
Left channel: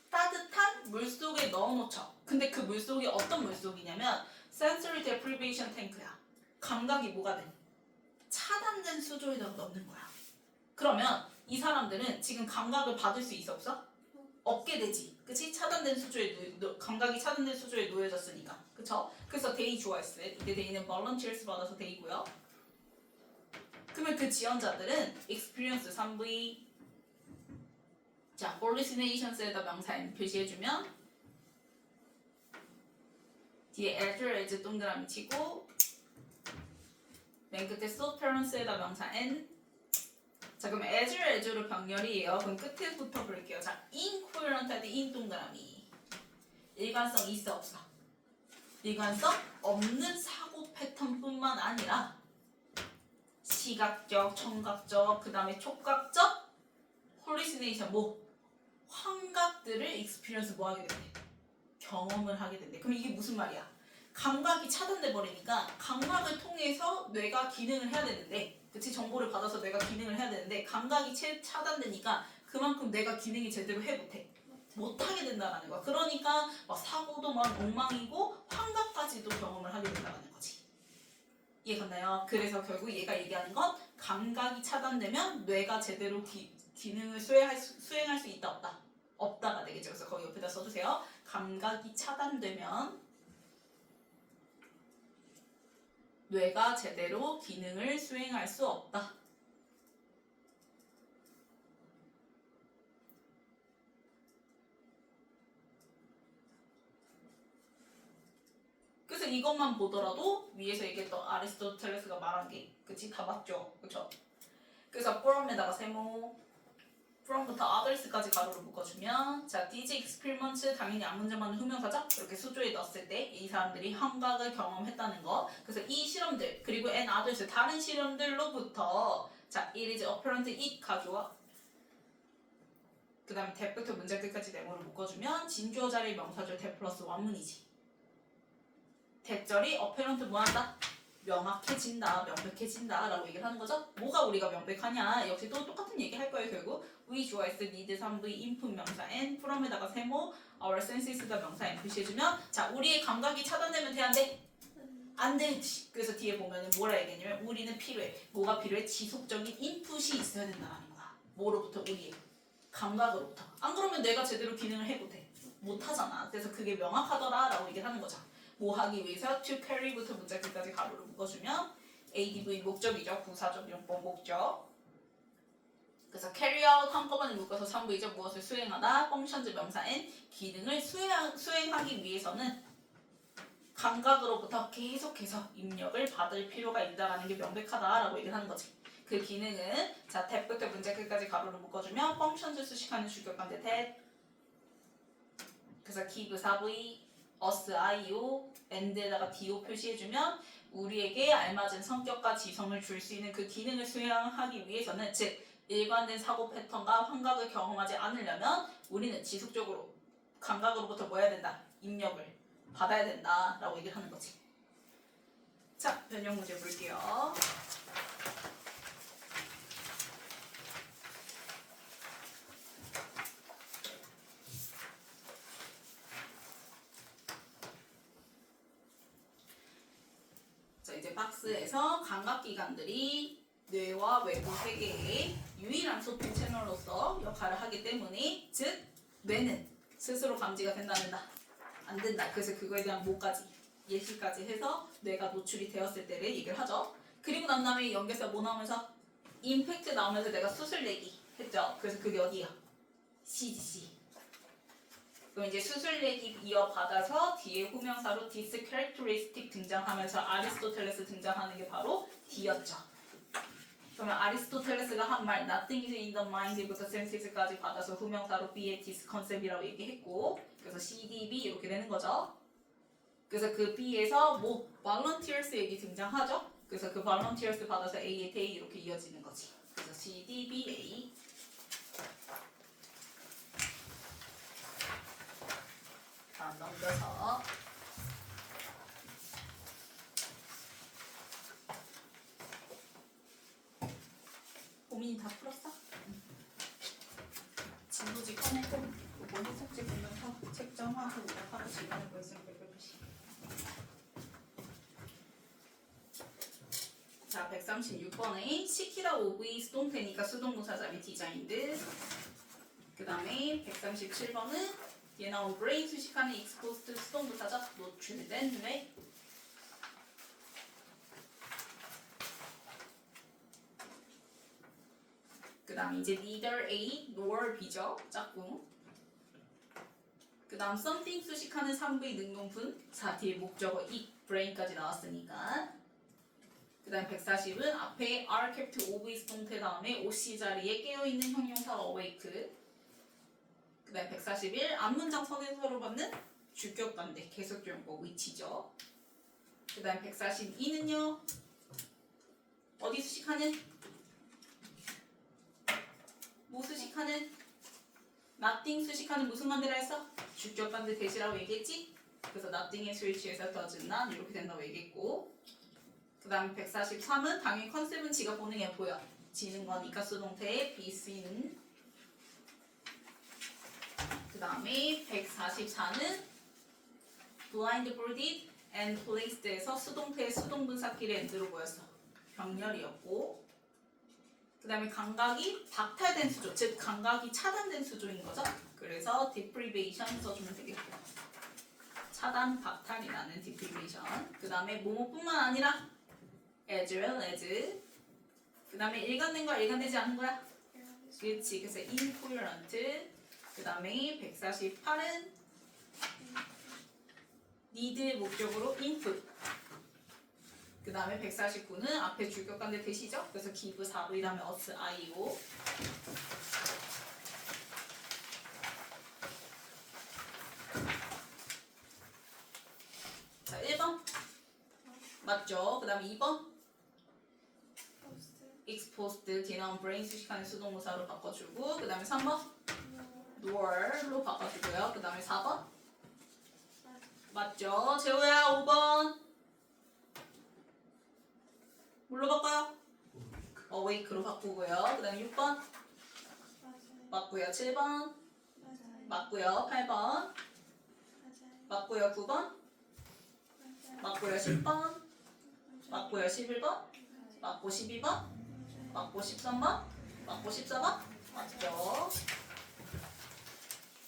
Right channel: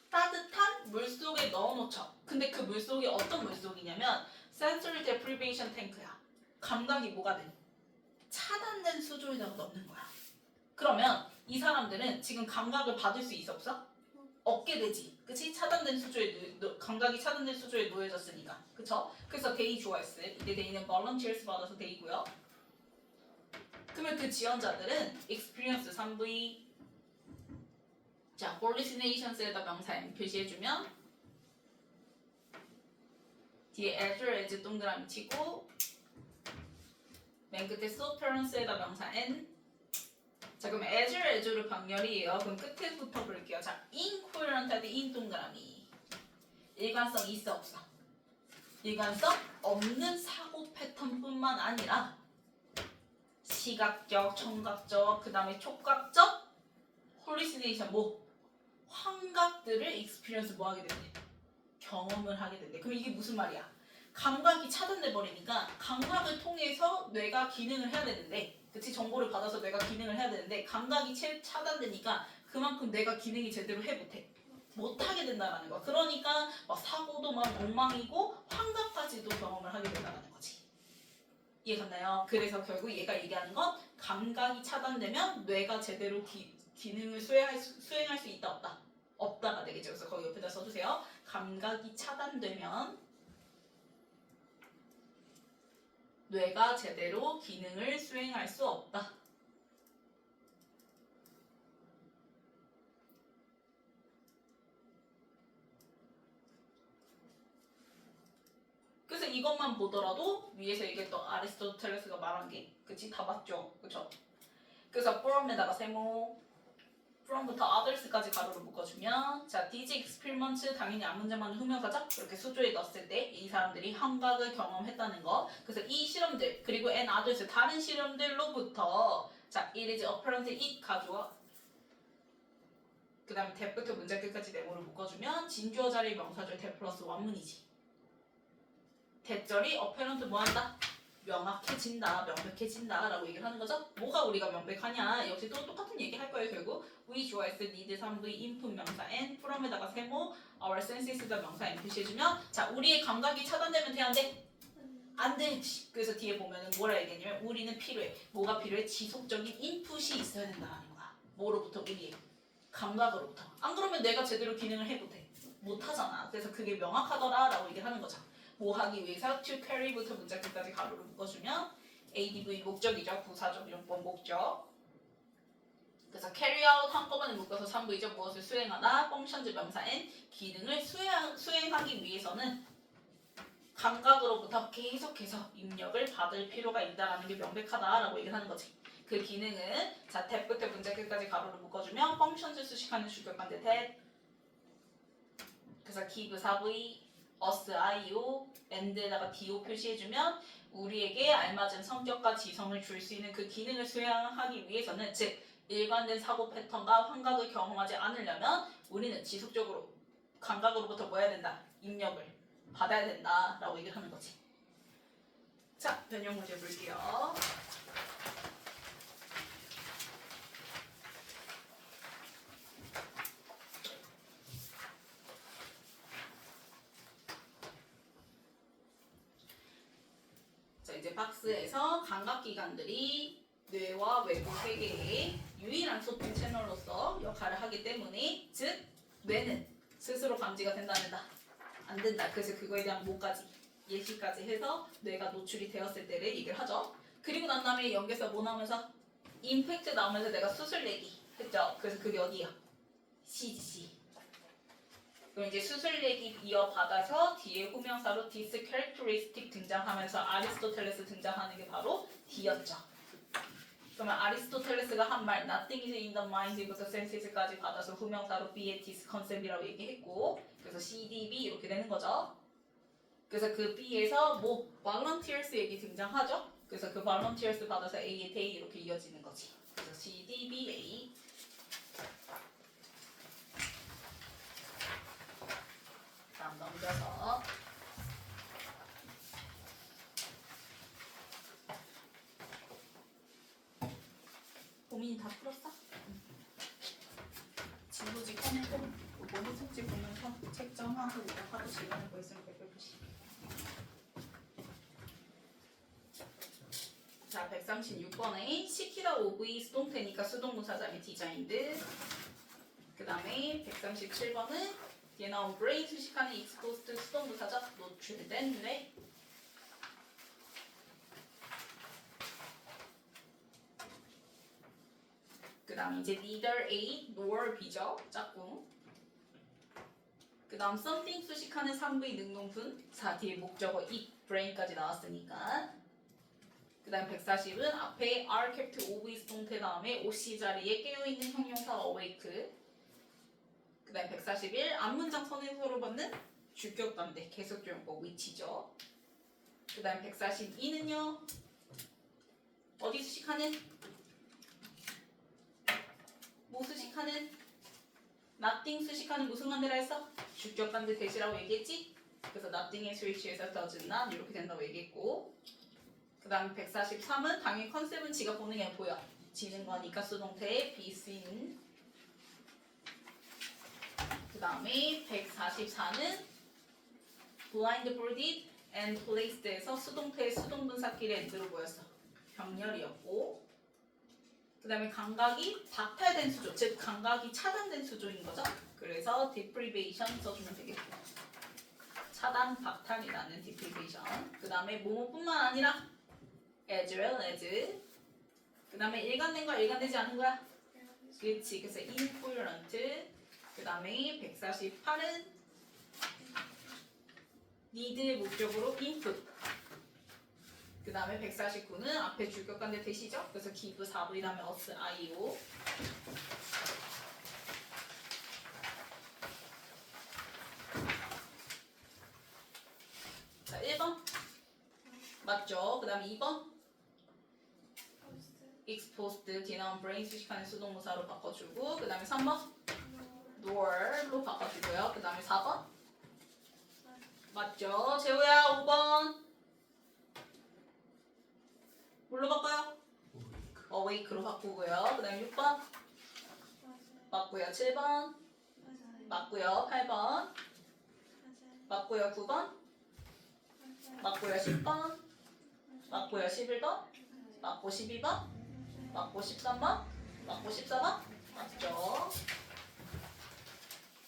따뜻한 물속에 넣어놓죠. 근데 그 물속이 어떤 물속이냐면 sensory deprivation tank야. 감각이 뭐가 돼? 차단된 수조에다가 넣는 거야. 그러면 이 사람들은 지금 감각을 받을 수 있어 없어? 없게 되지. 그치? 차단된 수조에 감각이 차단된 수조에 놓여졌으니까. 그쵸? 그래서 they 좋아했어. 이때 they는 volunteers 받아서 they고요. 그러면 그 지원자들은 experience 3V 자, hallucinations에다 명사 n 표시해주면 뒤에 as 동그라미 치고 맨 끝에 subference에다 명사 n 자, 그럼 as로 병렬이에요. 그럼 끝에부터 볼게요. 자, incoherent한테 in 동그라미 일관성 있어 없어? 일관성 없는 사고 패턴뿐만 아니라 시각적, 청각적, 그 다음에 촉각적 hallucination 뭐 환각들을 experience 뭐 하게 된대? 경험을 하게 된대. 그럼 이게 무슨 말이야? 감각이 차단돼 버리니까 감각을 통해서 뇌가 기능을 해야 되는데, 그치? 정보를 받아서 뇌가 기능을 해야 되는데 감각이 차단되니까 그만큼 뇌가 기능이 제대로 못하게 된다라는 거야. 그러니까 막 사고도 막 엉망이고 환각까지도 경험을 하게 된다는 거지. 이해갔나요? 그래서 결국 얘가 얘기하는 건 감각이 차단되면 뇌가 제대로 기능을 수행할 수 있다 없다? 없다가 되겠죠. 그래서 거기 옆에다 써주세요. 감각이 차단되면 뇌가 제대로 기능을 수행할 수 없다. 그래서 이것만 보더라도 위에서 얘기했던 아리스토텔레스가 말한 게 그치? 다 맞죠? 그쵸? 그래서 from에다가 세모 from부터 others까지 가로를 묶어주면 자, these experiments 당연히 앞문제만 후명사죠? 이렇게 수조에 넣었을 때 이 사람들이 환각을 경험했다는 거. 그래서 이 실험들 그리고 and others 다른 실험들로부터 자, it is apparent it 가져와 그 다음에 that부터 문제 끝까지 네모를 묶어주면 진주어 자리 명사절 that 플러스 원문이지. that절이 apparent 뭐한다? 명확해진다, 명백해진다 라고 얘기를 하는 거죠. 뭐가 우리가 명백하냐? 역시 또 똑같은 얘기 할 거예요. 결국 we 좋아했을 need 3v input 명사 n from에다가 세모 our senses가 명사 n 표시해주면 자, 우리의 감각이 차단되면 돼 안 돼? 안 되지. 그래서 뒤에 보면은 뭐라 얘기했냐면 우리는 필요해. 뭐가 필요해? 지속적인 인풋이 있어야 된다는 거야. 뭐로부터? 우리의 감각으로부터. 안 그러면 내가 제대로 기능을 못하잖아. 그래서 그게 명확하더라 라고 얘기를 하는 거죠. 뭐 하기 위해서 to carry부터 문자 끝까지 가로로 묶어주면 ADV 목적이죠. 부사적 용법 목적. 그래서 carry out 한꺼번에 묶어서 3V죠. 무엇을 수행하다. functions 명사 n 기능을 수행하기 위해서는 감각으로부터 계속해서 입력을 받을 필요가 있다라는 게 명백하다라고 얘기를 하는 거지. 그 기능은 자, that부터 문자 끝까지 가로로 묶어주면 functions 수식하는 주격관대 that 그래서 give 4V us, IO, and에다가 DO 표시해주면 우리에게 알맞은 성격과 지성을 줄 수 있는 그 기능을 수행하기 위해서는 즉 일관된 사고 패턴과 환각을 경험하지 않으려면 우리는 지속적으로 감각으로부터 뭐 해야 된다? 입력을 받아야 된다 라고 얘기를 하는 거지. 자, 변형 문제 볼게요. 이제 박스에서 감각기관들이 뇌와 외부 세계의 유일한 소통 채널로서 역할을 하기 때문에 즉 뇌는 스스로 감지가 된다는다. 안 된다. 그래서 그거에 대한 뭐까지 예시까지 해서 뇌가 노출이 되었을 때를 얘기를 하죠. 그리고 난 다음에 연결사 뭐 나오면서 임팩트 나오면서 내가 수술내기 했죠. 그래서 그게 어디야? CDC. 그럼 이제 수술내기 이어받아서 뒤에 후명사로 this characteristic 등장하면서 아리스토텔레스 등장하는 게 바로 D였죠. 그러면 아리스토텔레스가 한 말 nothing is in the mind부터 senses까지 받아서 후명사로 B의 this concept이라고 얘기했고 그래서 CDB 이렇게 되는 거죠. 그래서 그 B에서 뭐 volunteers 얘기 등장하죠. 그래서 그 volunteers 받아서 A의 they 이렇게 이어지는 거지. 그래서 CDBA 다음 넘겨서 고민이 다 풀었어? 진도지 꺼내고 모든 숙제 보면 책정하고 하루 시간을 거 있으면 별표시. 자 136번에 시키다 오브이 수동태니까 수동동사 자리 디자인드. 그 다음에 137번은 뒤에 나온 브레인 수식하는 익스포스트 수동부사적 노출된 뇌. 그 다음 이제 neither A nor B죠. 짝꿍. 그 다음 something 수식하는 3부의 능동분. 자 뒤에 목적어 it, brain까지 나왔으니까. 그 다음 140은 앞에 are kept OV 수동태 다음에 OC 자리에 깨어있는 형용사 awake. 그 다음 141 앞문장 선에서로 받는 주격 반대 계속적용법 which죠. 그 다음 142는요 어디 수식하는? 뭐 수식하는? nothing 수식하는 무슨 반대라 했어? 주격 반대 대시라고 얘기했지? 그래서 nothing의 스위치에서 does not 이렇게 된다고 얘기했고. 그 다음 143은 당연히 컨셉은 지가 보는 게 보여. 지는 거니까 수동태에 be seen. 그 다음에 144는 blindfolded and placed에서 수동태의 수동분사끼리 엔드로 보였어. 병렬이었고. 그 다음에 감각이 박탈된 수조, 즉 감각이 차단된 수조인 거죠. 그래서 deprivation 써주면 되겠고. 차단, 박탈이라는 deprivation. 그 다음에 뭐뭐뿐만 아니라 as well as. 그 다음에 일관된 거야, 일관되지 않은 거야? 그렇지. 그래서 incoherent. 그 다음에 148은 need의 목적으로 input. 그 다음에 149는 앞에 주격관대 대시죠? 그래서 give 4V 다음에 us, IO. 자 1번 맞죠? 그 다음에 2번 exposed 뒤에 나온 brain 수식하는 수동무사로 바꿔주고. 그 다음에 3번 nor로 바꿔주고요. 그 다음에 4번 맞죠? 재호야 5번 뭘로 바꿔요? awake로 바꾸고요. 그 다음에 6번 맞고요. 7번 맞고요. 8번 맞고요. 9번 맞고요. 10번 맞고요. 11번 맞고 12번 맞고 13번 맞고 14번 맞죠?